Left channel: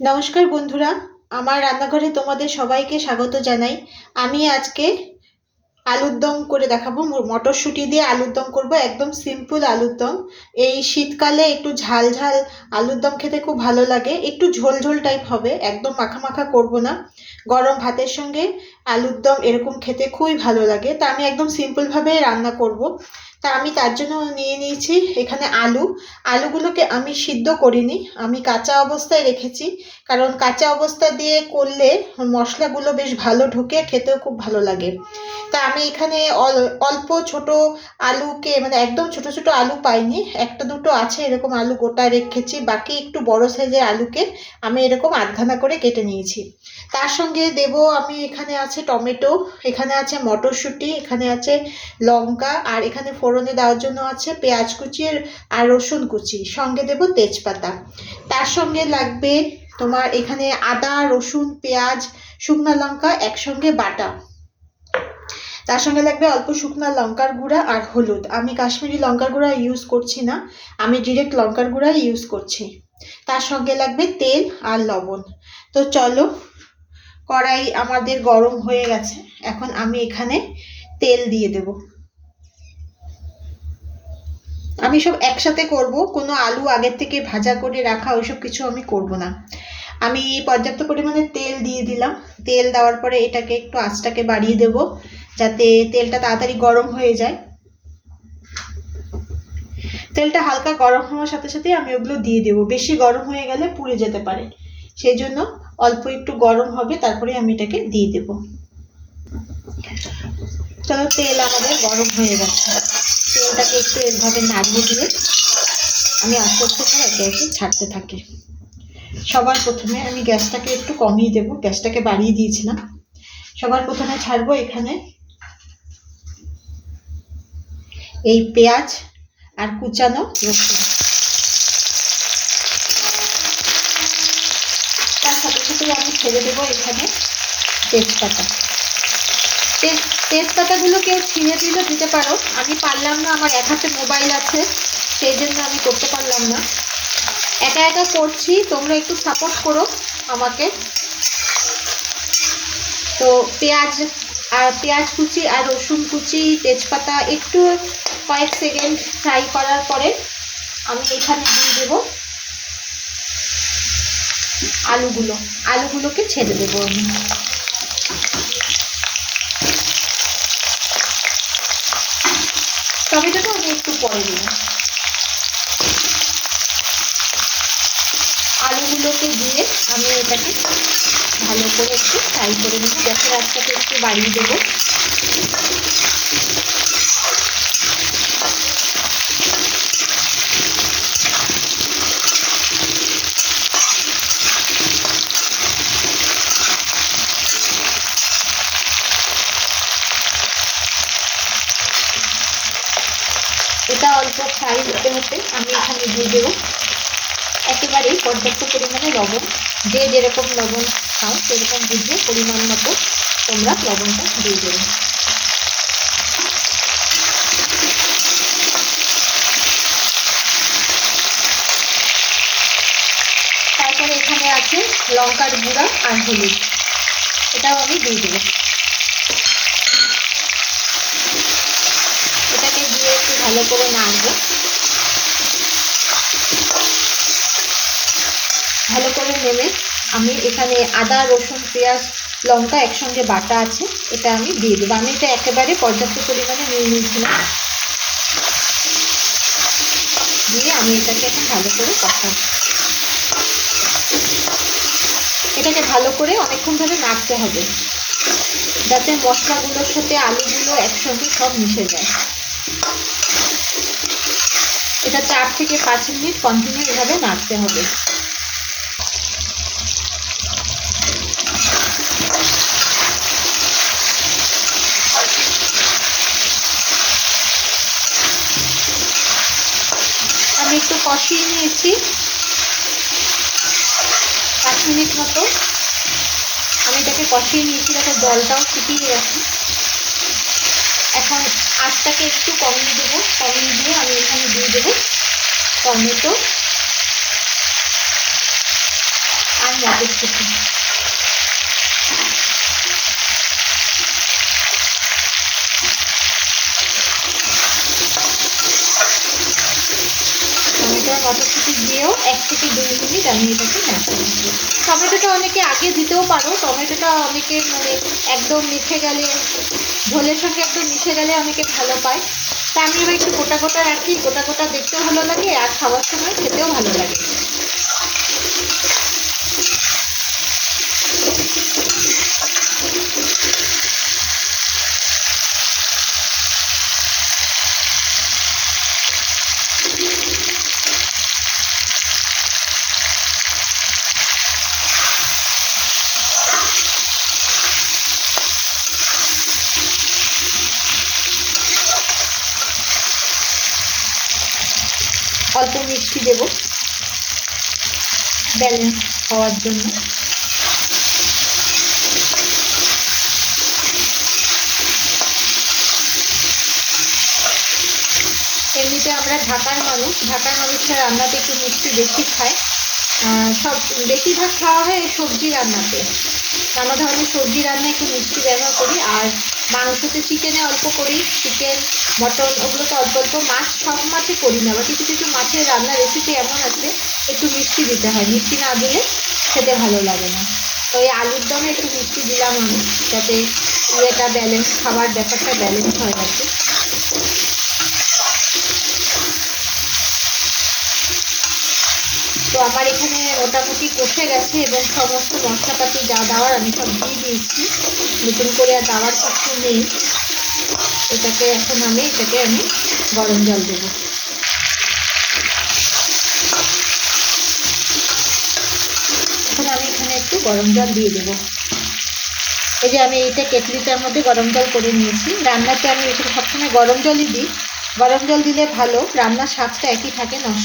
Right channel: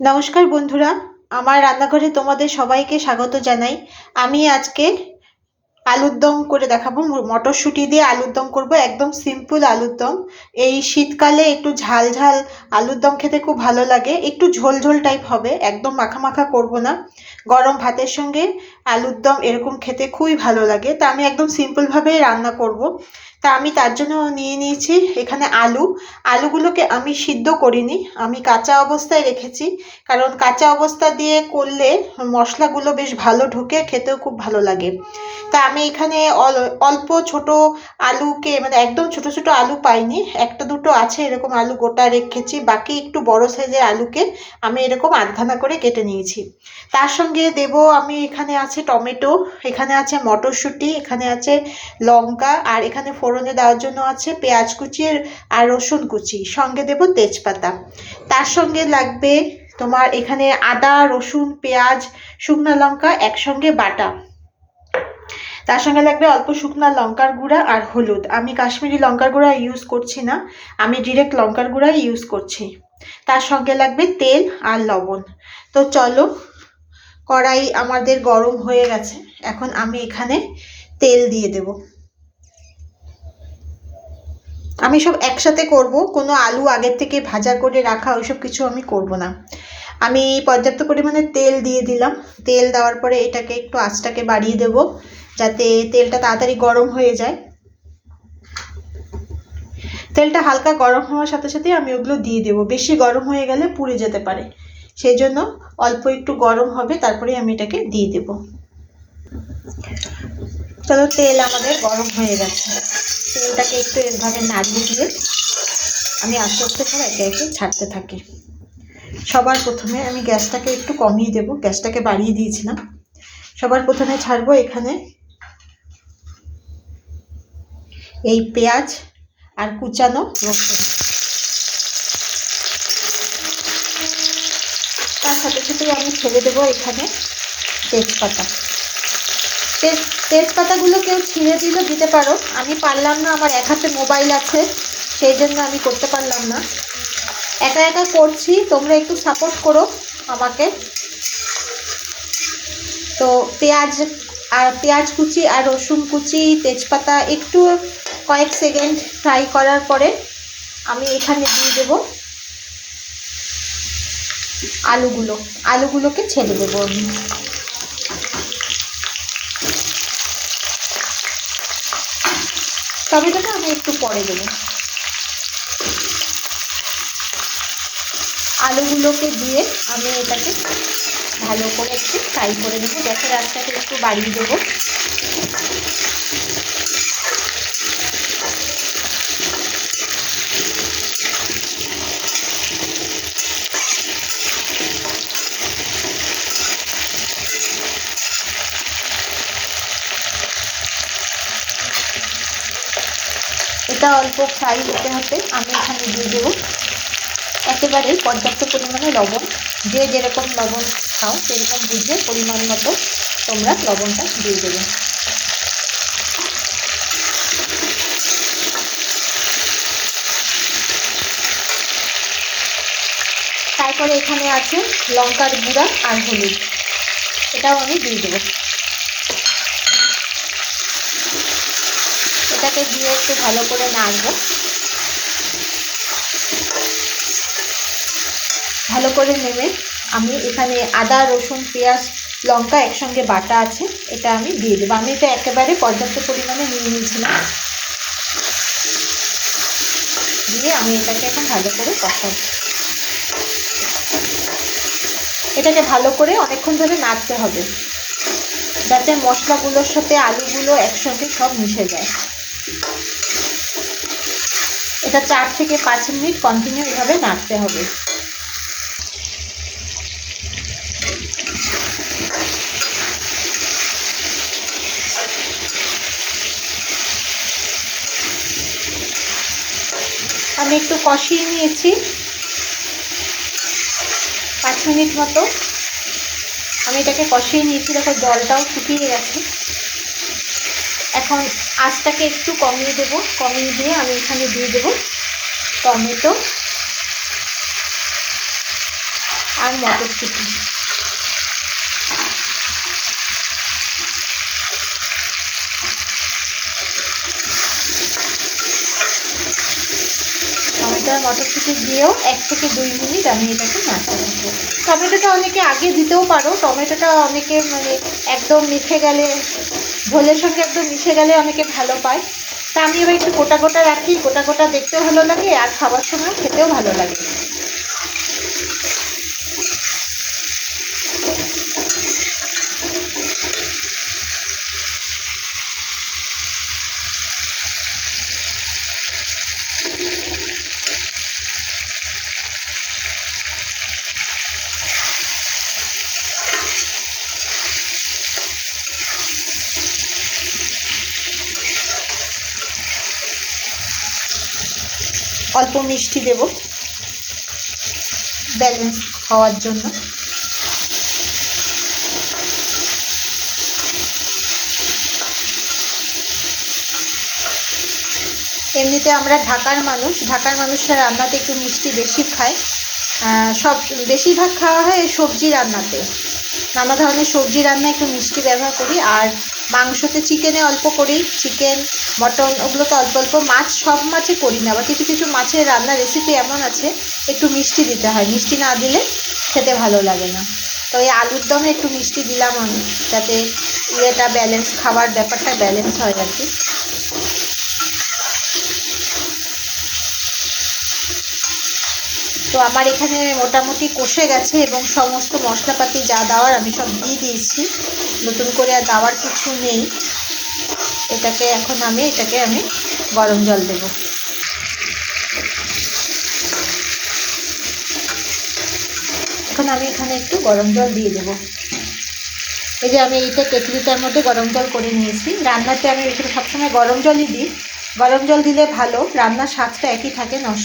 নমস্কার বন্ধুরা, আমার রান্নাঘরে তোমাদের সবাইকে স্বাগত জানাই। আমি আজকে আলুর দম করে দেখাবো। মটরশুঁটি দিয়ে আলুর দম করব, একদম সিম্পল আলুর দম। এই শীতকালে একটু ঝাল ঝাল আলুর দম খেতে খুব ভালো লাগে। একটু ঝোল ঝোল টাইপ হবে, একদম মাখা মাখা করব না। গরম ভাতের সঙ্গে আলুর দম এরকম খেতে খুবই ভালো লাগে। তা আমি একদম সিম্পলভাবেই রান্না করব। তা আমি তার জন্য নিয়ে নিয়েছি এখানে আলুগুলোকে আমি সিদ্ধ করিনি, আমি কাঁচা অবস্থায় রেখেছি। কারণ কাঁচা অবস্থা দিয়ে করলে মশলাগুলো বেশ ভালো ঢোকে, খেতেও খুব ভালো লাগে। তা আমি এখানে অল্প ছোট আলুকে, মানে একদম ছোট ছোট আলু পাইনি, একটা দুটো আছে এরকম আলু গোটা রেখেছি। বাকি একটু বড় সাইজের আলুকে আমি এরকম আধখানা করে কেটে নিয়েছি। তার সঙ্গে দেব, আমি এখানে আছে টমেটো, এখানে আছে মটরশুঁটি, এখানে আছে লঙ্কা, আর এখানে ফোড়নে দেওয়ার জন্য আছে পেঁয়াজ কুচি আর রসুন কুচি, সঙ্গে দেব তেজপাতা। তার সঙ্গে লাগবে তোমার এখানে আদা রসুন পেঁয়াজ শুকনো লঙ্কা একসঙ্গে বাটা। তার সঙ্গে লাগবে অল্প শুকনো লঙ্কার গুঁড়া আর হলুদ। আমি কাশ্মীরি লঙ্কার গুঁড়া ইউজ করছি না, আমি ডিরেক্ট লঙ্কার গুঁড়াই ইউজ করছি। তার সঙ্গে লাগবে তেল আর লবণ। তো চলো, কড়াই আমাদের গরম হয়ে গেছে, এখন আমি এখানে তেল দিয়ে দেব। আমি সব একসাথে করব, কোনো আলু আগের থেকে ভাজা করে রাখা ওইসব কিছু আমি করব না। আমি পর্যাপ্ত পরিমাণে তেল দিয়ে দিলাম। তেল দেওয়ার পরে এটাকে একটু আঁচটাকে বাড়িয়ে দেব, যাতে তেলটা তাড়াতাড়ি গরম হয়ে যায়। তেলটা হালকা গরম হওয়ার সাথে সাথে আমি ওগুলো দিয়ে দেব, বেশি গরম হয়ে গেলে পুড়ে যেতে পারে। সেই জন্য অল্প একটু গরম হবে, তারপরে আমি এটাকে দিয়ে দেব। চলো, তেল আমাদের গরম হয়ে গেছে। তেলটাকে একটু এভাবে নাড়িয়ে দিয়ে আমি আস্তে আস্তে করে একে একে ছাড়তে থাকি। সবার প্রথমে আমি গ্যাসটাকে একটু কমিয়ে দেব, গ্যাসটাকে বাড়িয়ে দিয়েছিলাম। সবার প্রথমে ছাড়বো এখানে এই পেঁয়াজ আর কুচানো রসুন। তার সাথে সাথে আমি ছেড়ে দেবো এখানে তেজপাতা। তেজপাতাগুলো কেউ ছিঁড়ে দিলে দিতে পারো, আমি পারলাম না, আমার এক হাতে মোবাইল আছে, সেই জন্য আমি করতে পারলাম না। একা একা করছি, তোমরা একটু সাপোর্ট করো আমাকে। তো পেঁয়াজ কুচি আর রসুন কুচি তেজপাতা একটু কয়েক সেকেন্ড ফ্রাই করার পরে আমি এখানে দিয়ে দেবো আলুগুলোকে ছেড়ে দেবো আমি। টমেটোটা আমি একটু পরে দেবো। আলুগুলোকে দিয়ে আমি এটাকে ভালো করে একটু ফ্রাই করে দেবো। গ্যাসের আঁচটাকে একটু বাড়িয়ে দেবো। এটা অল্প ফ্রাই হতে হতে আমি এখানে দিয়ে দেবো একেবারে পর্যাপ্ত পরিমাণে লবণ। যে যেরকম লবণ খাও সেরকম বুঝে পরিমাণ মতো তোমরা লবণটা দিয়ে দেবে। তারপরে এখানে আছে লঙ্কার গুঁড়া আর হলুদ, এটাও আমি দিয়ে দেবো। এটাকে দিয়ে একটু ভালো করে নাড়বো। ভালো করে নেড়ে আমি এখানে আদা রসুন পেঁয়াজ লঙ্কা একসঙ্গে বাটা আছে, এটা আমি দিয়ে দেবো। আমি এটা একেবারে পর্যাপ্ত পরিমাণে নিয়ে নিয়েছিলাম, দিয়ে আমি এটাকে এখন ভালো করে কষাবো। এটাকে ভালো করে অনেকক্ষণ ধরে নাড়তে হবে, যাতে মশলাগুলোর সাথে আলুগুলো একসঙ্গে সব মিশে যায়। এটা 4 থেকে 5 মিনিট কন্টিনিউ এভাবে নাড়তে হবে। আমি একটু কষিয়ে নিয়েছি 5 মিনিট মতো। আমি এটাকে কষিয়ে নিয়েছি, দেখো জলটাও শুকিয়ে গেছে। এখন আঁচটাকে একটু কমিয়ে দেবো, কমিয়ে দিয়ে আমি এখানে দিয়ে দেবো টমেটো আর আর মটরশুঁটি। টমেটো আর মটরশুঁটি দিয়েও 1 থেকে 2 মিনিট আমি এটাকে নাড়তে থাকবো। টমেটোটা অনেকে আগে দিতেও পারো, টমেটোটা অনেকে মানে একদম মিশে গেলে, ঝোলের সঙ্গে একদম মিশে গেলে অনেকে ভালো পায়। তা আমি এবার একটু গোটা গোটা রাখি, গোটা গোটা দেখতেও ভালো লাগে আর খাবার সময় খেতেও ভালো লাগে। অল্প মিষ্টি দেব ব্যালেন্স হওয়ার জন্য। এমনিতে আমরা ঢাকার মানুষরা রান্নাতে একটু মিষ্টি বেশি খায়। সব বেশিরভাগ খাওয়া হয় সবজি রান্নাতে, নানা ধরনের সবজি রান্না একটু মিষ্টি ব্যবহার করি। আর মাংসতে, চিকেনে অল্প করি, চিকেন মটন ওগুলোতে অল্প অল্প, মাছ সব মাছে করি না। আবার কিছু কিছু মাছের রান্নার রেসিপি এমন আছে একটু মিষ্টি দিতে হয়, মিষ্টি না দিলে খেতে ভালো লাগে না। তো এই আলুর দমে একটু মিষ্টি দিলাম আমি, যাতে ইয়েটা ব্যালেন্স, খাবার ব্যাপারটা ব্যালেন্স হয় আর কি। তো আমার এখানে মোটামুটি কষে গেছে এবং সমস্ত মশলাপাতি যা দেওয়ার আমি সব দিয়ে দিয়েছি, নতুন করে আর দেওয়ার কিছু নেই। এটাকে এখন আমি গরম জল দেব। এখন আমি এখানে একটু গরম জল দিয়ে দেব। এই যে আমি এইটা কেটলিটার মধ্যে গরম জল করে নিয়েছি। রান্নাতে আমি এখানে সবসময় গরম জলই দিই, গরম জল দিলে ভালো, রান্নার স্বাদটা একই থাকে, নষ্ট